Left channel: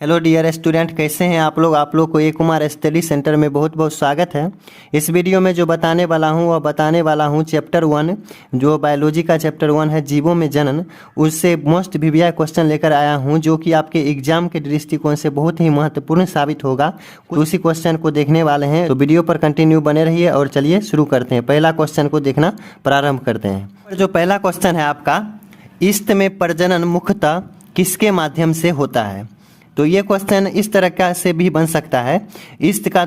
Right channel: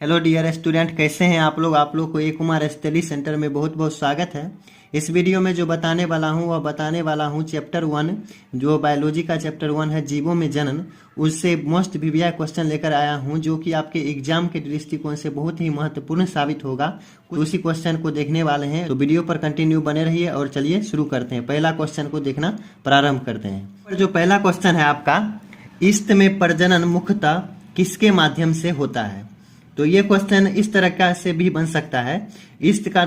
Hello dear student, कैसे हैं आप लोग को ए कुमार स्टडी सेंटर में बहुत बहुत स्वागत है। इस वीडियो में जो बताने वाला हूं वह बताने वाला हूं चैप्टर 1, जो बायोलॉजी का चैप्टर 1 है, जीवों में जनन। उससे मोस्ट वीवीआई क्वेश्चन लेकर आया हूं जो कि आपके एग्जाम के दृष्टिकोण से बहुत ही महत्वपूर्ण साबित होगा। उसी क्वेश्चन को देखने वाले हैं, तो वीडियो पर कंटिन्यू बने रहिए। और चलिए शुरू करते हैं, पहला क्वेश्चन को देखना प्रारंभ करते हैं। जो पहला क्वेश्चन है आपका, ईस्ट में प्रजनन मुख्यतः किसके माध्यम से होता है? तो ये क्वेश्चन इस तरह का से भी बन सकता है। ईस्ट का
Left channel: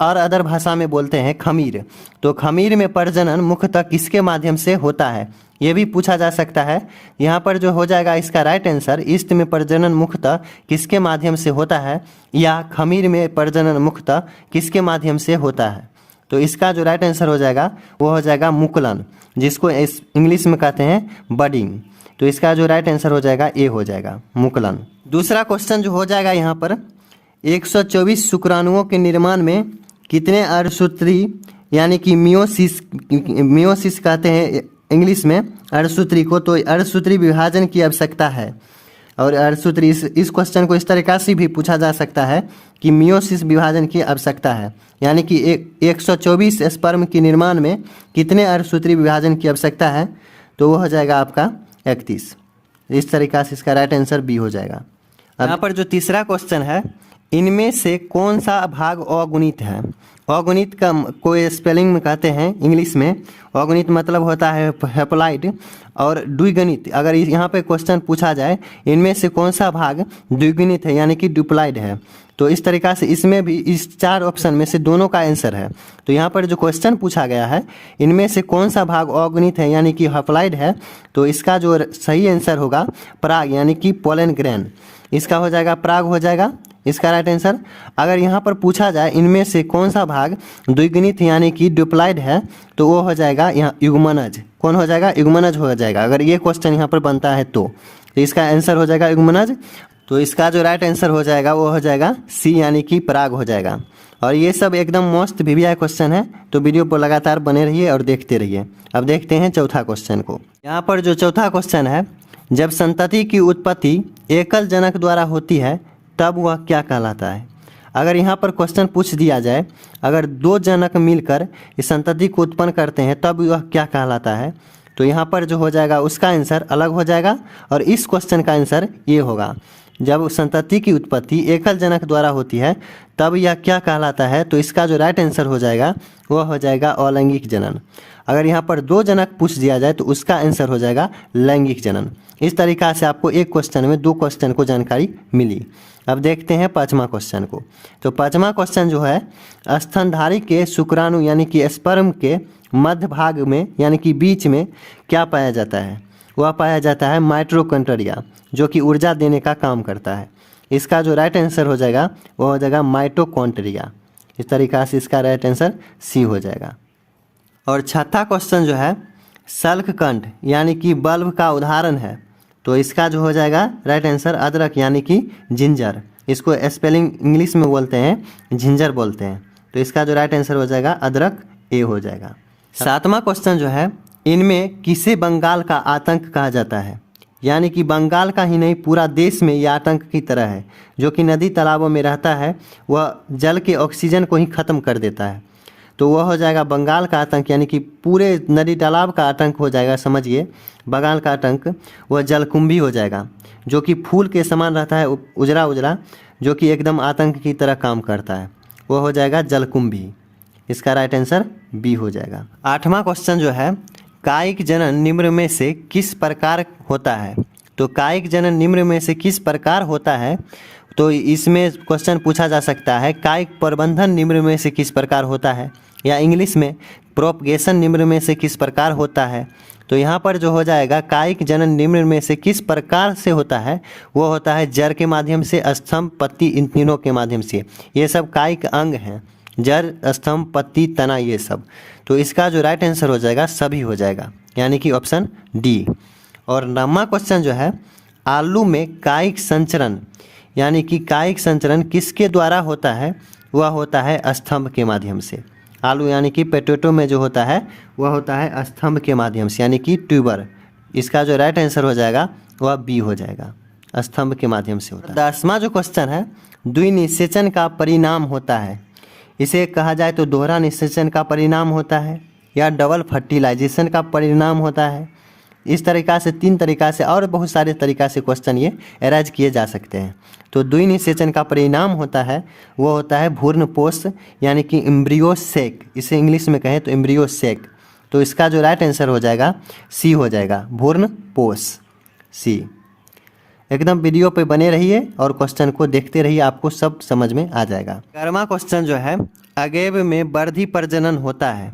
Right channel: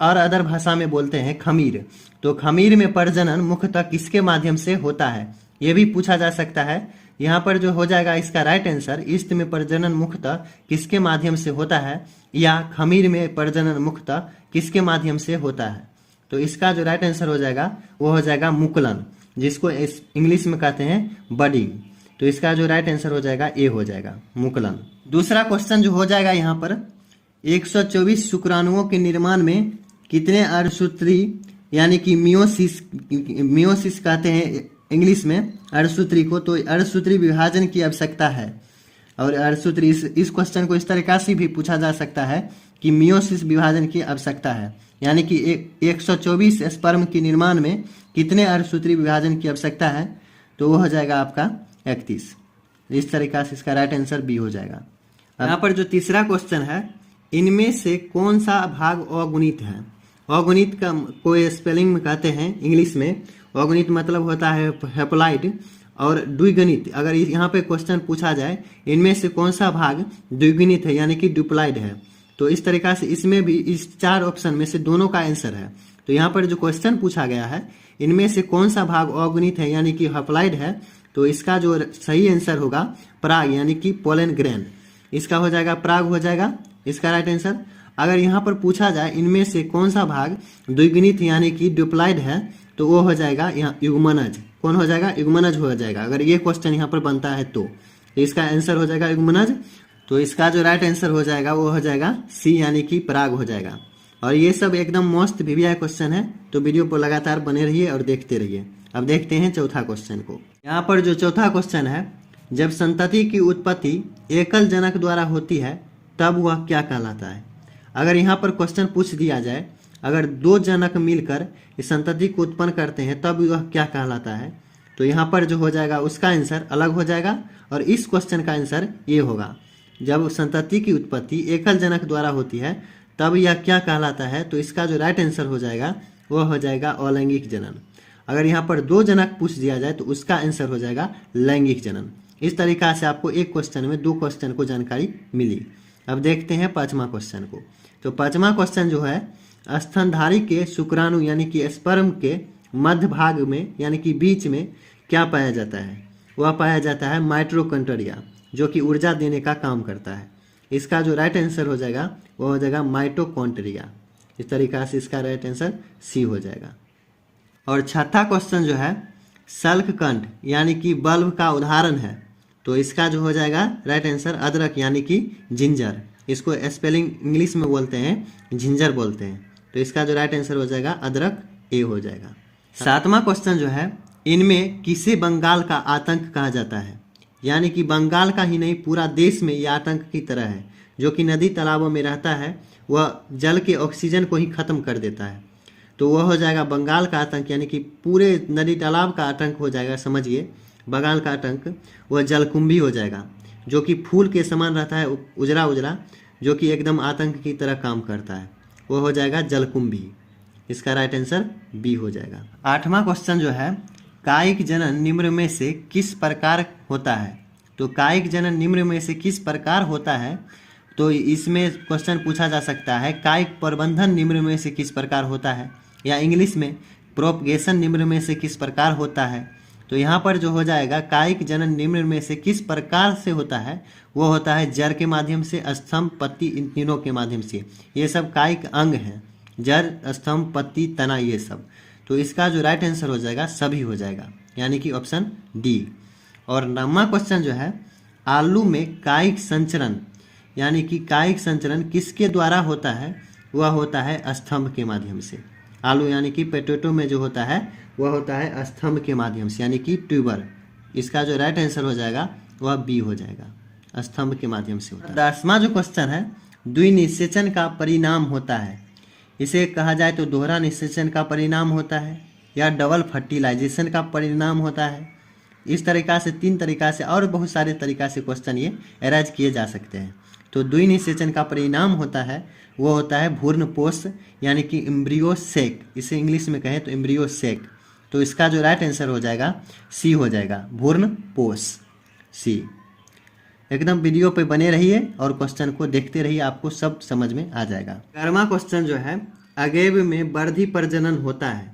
और अदर भाषा में बोलते हैं खमीर। तो खमीर में प्रजनन मुख्यतः किसके माध्यम से होता है, ये भी पूछा जा सकता है। यहाँ पर जो हो जाएगा इसका राइट आंसर, ईस्ट में प्रजनन मुख्यतः किसके माध्यम से होता है, या खमीर में प्रजनन मुख्यतः किसके माध्यम से होता है। तो इसका जो राइट आंसर हो जाएगा वो हो जाएगा मुकुलन, जिसको इंग्लिश में कहते हैं बडिंग। तो इसका जो राइट आंसर हो जाएगा ए हो जाएगा, मुकुलन। दूसरा क्वेश्चन जो हो जाएगा यहाँ पर, 124 शुक्राणुओं के निर्माण में कितने अर्धसूत्री यानी कि मियोसिस कहते हैं इंग्लिश में अर्धसूत्री को, तो अर्धसूत्री विभाजन की आवश्यकता है। और अर्धसूत्री इस क्वेश्चन को इस तरीका से भी पूछा जा सकता है कि मियोसिस विभाजन की आवश्यकता है, यानी कि 124 स्पर्म के निर्माण में कितने अर्धसूत्री विभाजन की आवश्यकता है, तो वो हो जाएगा आपका 31। इस तरीका से इसका राइट आंसर बी हो जाएगा। यहाँ पर जो तीसरा क्वेश्चन है, इनमें से कौन सा भाग अगुणित है? अगुणित का कोई स्पेलिंग में कहते हैं इंग्लिश में, अगुणित मतलब होता है हैप्लॉइड, और द्विगुणित अगर यहाँ पे क्वेश्चन पूछा जाए इनमें से कौन सा भाग द्विगुणित है यानी कि डुप्लाइड है, तो इस तरीका से इसमें भी इस 4 ऑप्शन में से दोनों का आंसर है। तो यहाँ पर जो क्वेश्चन पूछा गया है, इनमें से कौन सा भाग अगुणित है यानी कि हैप्लॉइड है, तो इसका जो सही आंसर होगा पराग यानी कि पोलन ग्रेन। इसका हो जाएगा पराग हो जाएगा इसका राइट आंसर। अगर यहाँ पर पूछा जाए इनमें से कौन सा भाग द्विगुणित यानी कि डुप्लाइड है, तो वो हो जाएगा यहाँ युग्मनज। कौन हो जाएगा? युग्मनज हो जाएगा। अगर ये क्वेश्चन यहाँ पर बनता है तो इसका आंसर हो जाएगा युग्मनज। तो इसका जो राइट आंसर हो जाएगा वो हो जाएगा सी यानी कि पराग हो जाएगा। और ये सब एकदम मोस्ट वीवीआई क्वेश्चन है, तो वीडियो पर लगातार बने रहिए और देखते रहिए। अब देखते हैं चौथा क्वेश्चन को। यहाँ पर जो चौथा क्वेश्चन है, जब संतति की उत्पत्ति एकल जनक द्वारा होती है तब वह क्या कहलाता है? अगर यहाँ पर क्वेश्चन पूछ दिया जाए, अगर 2 जनक मिलकर इस संतति को उत्पन्न करते हैं तब वह क्या कहलाता है, तो यहाँ पर जो हो जाएगा उसका आंसर अलग हो जाएगा। और इस क्वेश्चन का आंसर ये होगा, जब संतति की उत्पत्ति एकल जनक द्वारा होती है तब यह क्या कहलाता है, तो इसका जो राइट आंसर हो जाएगा वह हो जाएगा अलैंगिक जनन। अगर यहाँ पर 2 जनक पूछ दिया जाए तो उसका आंसर हो जाएगा लैंगिक जनन। इस तरीका से आपको एक क्वेश्चन में 2 क्वेश्चन को जानकारी मिली। अब देखते हैं 5वां क्वेश्चन को। तो 5वां क्वेश्चन जो है, स्तनधारी के शुक्राणु यानी कि स्पर्म के मध्य भाग में यानी कि बीच में क्या पाया जाता है? वह पाया जाता है माइटोकॉन्ड्रिया, जो कि ऊर्जा देने का काम करता है। इसका जो राइट आंसर हो जाएगा वो हो जाएगा माइटोकॉन्ड्रिया। इस तरीका से इसका राइट आंसर सी हो जाएगा। और 6वां क्वेश्चन जो है, सल्ककंठ यानी कि बल्ब का उदाहरण है, तो इसका जो हो जाएगा राइट आंसर अदरक यानी कि जिंजर। इसको स्पेलिंग इंग्लिश में बोलते हैं जिंजर बोलते हैं, तो इसका जो राइट आंसर हो जाएगा अदरक ए हो जाएगा। 7वां क्वेश्चन जो है, इनमें किसे बंगाल का आतंक कहा जाता है? यानी कि बंगाल का ही नहीं पूरा देश में यह आतंक की तरह है, जो कि नदी तालाबों में रहता है, वह जल के ऑक्सीजन को ही खत्म कर देता है। तो वह हो जाएगा बंगाल का आतंक, यानी कि पूरे नदी तालाब का आतंक हो जाएगा। समझिए, बंगाल का आतंक वह जलकुंभी हो जाएगा, जो कि फूल के समान रहता है, उजरा उजरा, जो कि एकदम आतंक की तरह काम करता है। वह हो जाएगा जलकुंभी। इसका राइट आंसर बी हो जाएगा। 8वां क्वेश्चन जो है, कायिक जनन निम्न में से किस प्रकार होता है? तो कायिक जनन निम्न में से किस प्रकार होता है, तो इसमें क्वेश्चन पूछा जा सकता है कायिक प्रबंधन निम्न में से किस प्रकार होता है, या इंग्लिश में प्रोपगेशन निम्न में से किस प्रकार होता है। तो यहाँ पर जो हो जाएगा कायिक जनन निम्न में से किस प्रकार से होता है, वो होता है जड़ के माध्यम से, स्तंभ, पत्ती, इन तीनों के माध्यम से। ये सब कायिक अंग हैं, जड़, स्तंभ, पत्ती, तना, ये सब। तो इसका जो राइट आंसर हो जाएगा सभी हो जाएगा, यानी कि ऑप्शन डी। और 9वां क्वेश्चन जो है, आलू में कायिक संचरण यानी कि कायिक संचरण किसके द्वारा होता है? वह होता है स्तंभ के माध्यम से। आलू यानी कि पोटैटो में जो होता है वह होता है स्तंभ के माध्यम से, यानी कि ट्यूबर। इसका जो राइट आंसर हो जाएगा वह बी हो जाएगा। स्तंभ के माध्यम से होता है। 10वां जो क्वेश्चन है, द्विनिषेचन का परिणाम होता है। इसे कहा जाए तो दोहरा निषेचन का परिणाम होता है या डबल फर्टिलाइजेशन का परिणाम होता है। इस तरीक़ा से 3 तरीक़ा से और बहुत सारे तरीक़ा से क्वेश्चन ये अरेंज किए जा सकते हैं। तो द्विनिषेचन का परिणाम होता है वो होता है भ्रूणपोष यानी कि एम्ब्रियो सेक, इसे इंग्लिश में कहें तो एम्ब्रियो सेक। तो इसका जो राइट आंसर हो जाएगा सी हो जाएगा, भ्रूणपोष, सी। एकदम वीडियो पे बने रहिए और क्वेश्चन को देखते रहिए, आपको सब समझ में आ जाएगा। 11वां क्वेश्चन जो है, अगेव में वर्धी प्रजनन होता है।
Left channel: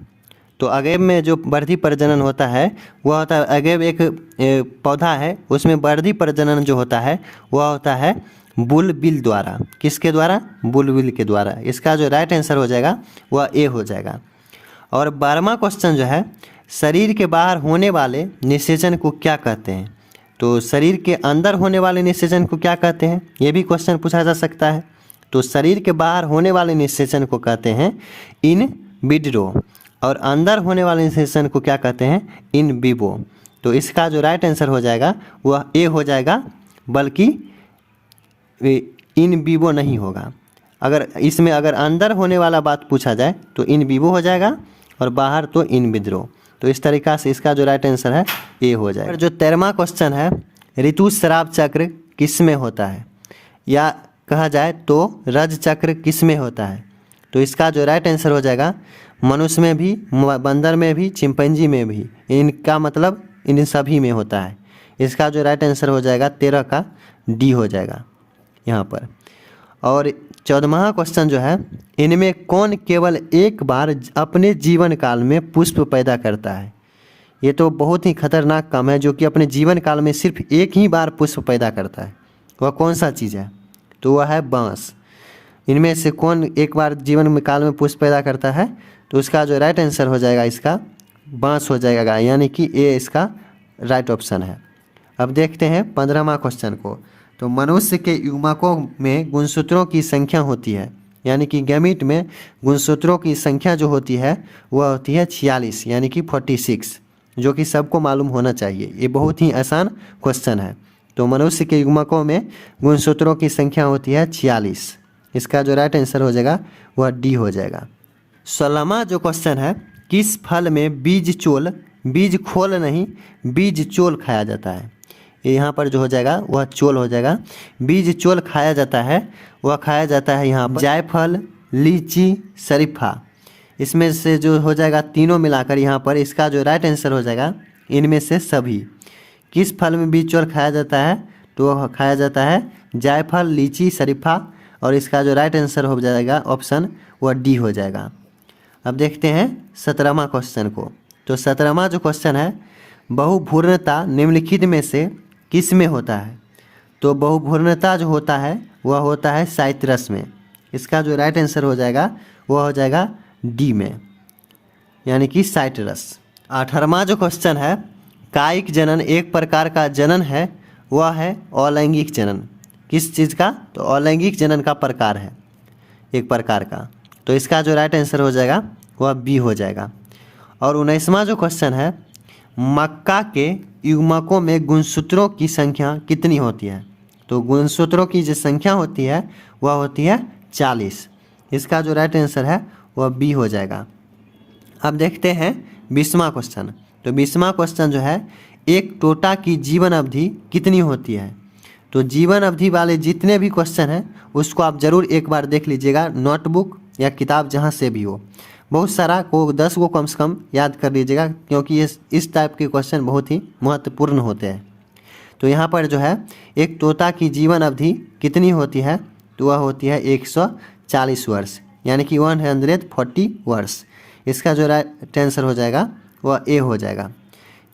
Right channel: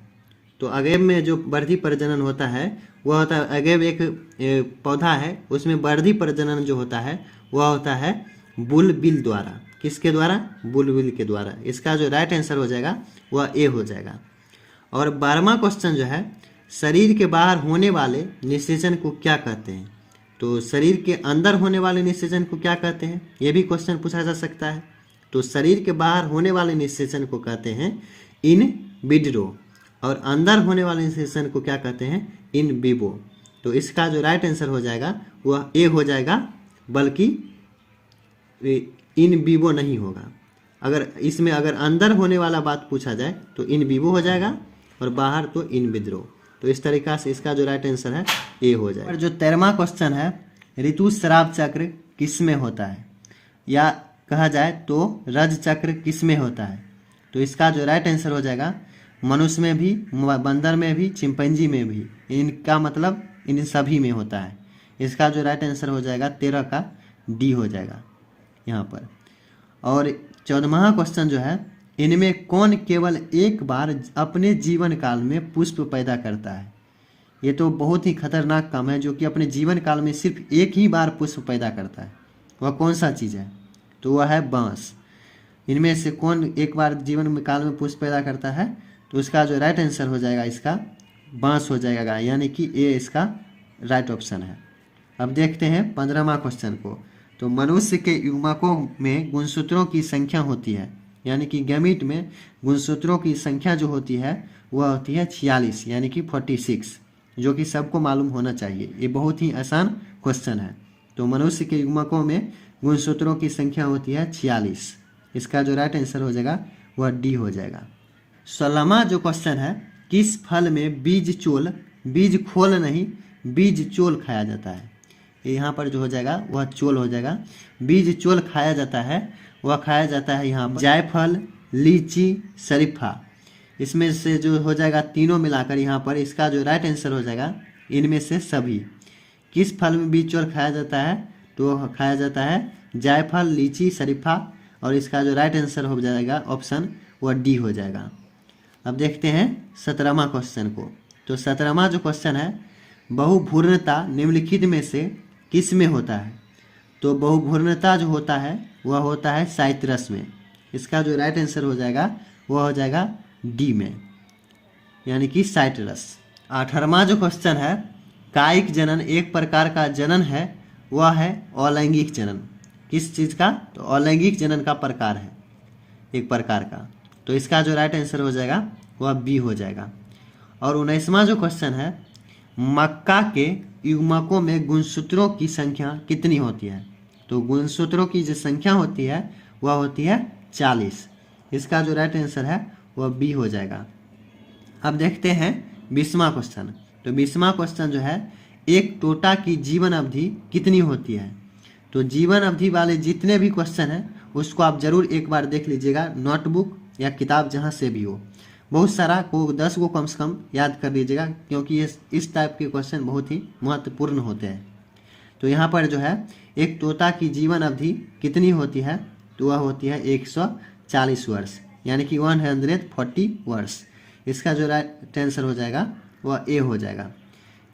तो अगेव में जो वर्धी प्रजनन होता है वह होता है, अगेव एक पौधा है, उसमें वर्धी प्रजनन जो होता है वह होता है बुलबिल द्वारा। किसके द्वारा? बुलबिल के द्वारा। इसका जो राइट आंसर हो जाएगा वह ए हो जाएगा। और 12वां क्वेश्चन जो है, शरीर के बाहर होने वाले निषेचन को क्या कहते हैं। तो शरीर के अंदर होने वाले निषेचन को क्या कहते हैं, ये भी क्वेश्चन पूछा जा सकता है। तो शरीर के बाहर होने वाले निषेचन को कहते हैं इन विट्रो और अंदर होने वाले निषेचन को क्या कहते हैं, इन विवो। तो इसका जो राइट आंसर हो जाएगा वह ए हो जाएगा, बल्कि इन विवो नहीं होगा। अगर इसमें अगर अंदर होने वाला बात पूछा जाए तो इन विवो हो जाएगा और बाहर तो इन विद्रो। तो इस तरीक़ा से इसका जो राइट आंसर है ए हो जाएगा। और जो 13वां क्वेश्चन है, ऋतुस्राव चक्र किस में होता है, या कहा जाए तो रज चक्र किस में होता है। तो इसका जो राइट आंसर हो जाएगा, मनुष्य में भी, बंदर में भी, चिंपैंजी में भी, इनका मतलब इन सभी में होता है। इसका जो राइट आंसर हो जाएगा 13 का डी हो जाएगा यहाँ पर। और 14वां क्वेश्चन जो है, इनमें कौन केवल एक बार अपने जीवन काल में पुष्प पैदा करता है। ये तो बहुत ही खतरनाक काम है, जो कि अपने जीवन काल में सिर्फ एक ही बार पुष्प पैदा करता है। वह कौन सा चीज़ है, तो वह है बांस। इनमें से कौन एक बार जीवन काल में पुष्प पैदा करता है, तो इसका जो राइट आंसर हो जाएगा इसका बांस हो जाएगा, यानी कि ए इसका राइट ऑप्शन है। अब देखते हैं 15वां क्वेश्चन को। तो मनुष्य के युग्मकों में गुणसूत्रों की संख्या होती है, यानी कि गैमीट में गुणसूत्रों की संख्या जो होती है वह होती है 46, यानी कि 46, जो कि सबको मालूम होना चाहिए। ये बहुत ही आसान क्वेश्चन है। तो मनुष्य के युग्मकों में गुणसूत्रों की संख्या होती है 46। इसका जो राइट आंसर हो जाएगा वह डी हो जाएगा। 16वां जो क्वेश्चन है, किस फल में बीज चोल, बीज खोल नहीं, बीज चोल खाया जाता है। ये यहाँ पर जो हो जाएगा वह चोल हो जाएगा। बीज चोल खाया जाता है, वह खाया जाता है यहाँ पर जायफल, लीची, शरीफा। इसमें से जो हो जाएगा तीनों मिलाकर यहाँ पर, इसका जो राइट आंसर हो जाएगा इनमें से सभी। किस फल में बीज चोल खाया जाता है, तो वह खाया जाता है जायफल, लीची, शरीफा। और इसका जो राइट आंसर हो जाएगा ऑप्शन वह डी हो जाएगा। अब देखते हैं 17वां क्वेश्चन को। तो 17वां जो क्वेश्चन है, बहुभूर्णता निम्नलिखित में से किस में होता है। तो बहुभूर्णता जो होता है वह होता है साइट्रस में। इसका जो राइट आंसर हो जाएगा वह हो जाएगा डी में, यानी कि साइट्रस। 18वां जो क्वेश्चन है, कायिक जनन एक प्रकार का जनन है, वह है अलैंगिक जनन। किस चीज़ का, तो अलैंगिक जनन का प्रकार है एक प्रकार का। तो इसका जो राइट आंसर हो जाएगा वह बी हो जाएगा। और 19वां जो क्वेश्चन है, मक्का के युग्मकों में गुणसूत्रों की संख्या कितनी होती है। तो गुणसूत्रों की जो संख्या होती है वह होती है 40। इसका जो राइट आंसर है वह बी हो जाएगा। अब देखते हैं 20वां क्वेश्चन। तो 20वां क्वेश्चन जो है, एक टोटा की जीवन अवधि कितनी होती है। तो जीवन अवधि वाले जितने भी क्वेश्चन हैं उसको आप ज़रूर एक बार देख लीजिएगा, नोटबुक या किताब जहाँ से भी हो। बहुत सारा को 10 को कम से कम याद कर लीजिएगा, क्योंकि इस टाइप के क्वेश्चन बहुत ही महत्वपूर्ण होते हैं। तो यहाँ पर जो है, एक तोता की जीवन अवधि कितनी होती है, तो वह होती है 140 वर्ष, यानी कि 140 वर्ष। इसका जो राइट आंसर हो जाएगा वह ए हो जाएगा।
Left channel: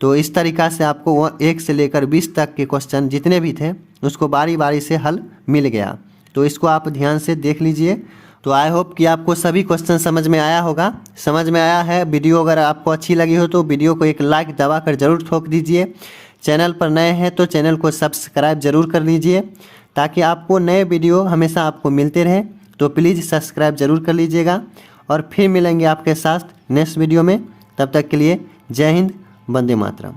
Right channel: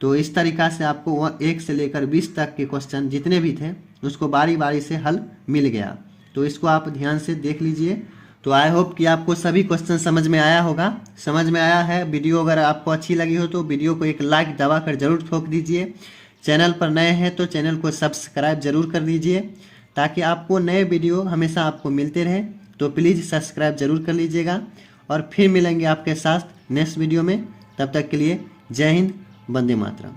तो इस तरीक़ा से आपको वह 1 से लेकर 20 तक के क्वेश्चन जितने भी थे उसको बारी बारी से हल मिल गया। तो इसको आप ध्यान से देख लीजिए। तो आई होप कि आपको सभी क्वेश्चन समझ में आया होगा। समझ में आया है, वीडियो अगर आपको अच्छी लगी हो तो वीडियो को एक लाइक दबा कर ज़रूर ठोक दीजिए। चैनल पर नए हैं तो चैनल को सब्सक्राइब ज़रूर कर लीजिए, ताकि आपको नए वीडियो हमेशा आपको मिलते रहें। तो प्लीज़ सब्सक्राइब ज़रूर कर लीजिएगा। और फिर मिलेंगे आपके साथ नेक्स्ट वीडियो में। तब तक के लिए जय हिंद, वंदे मातरम।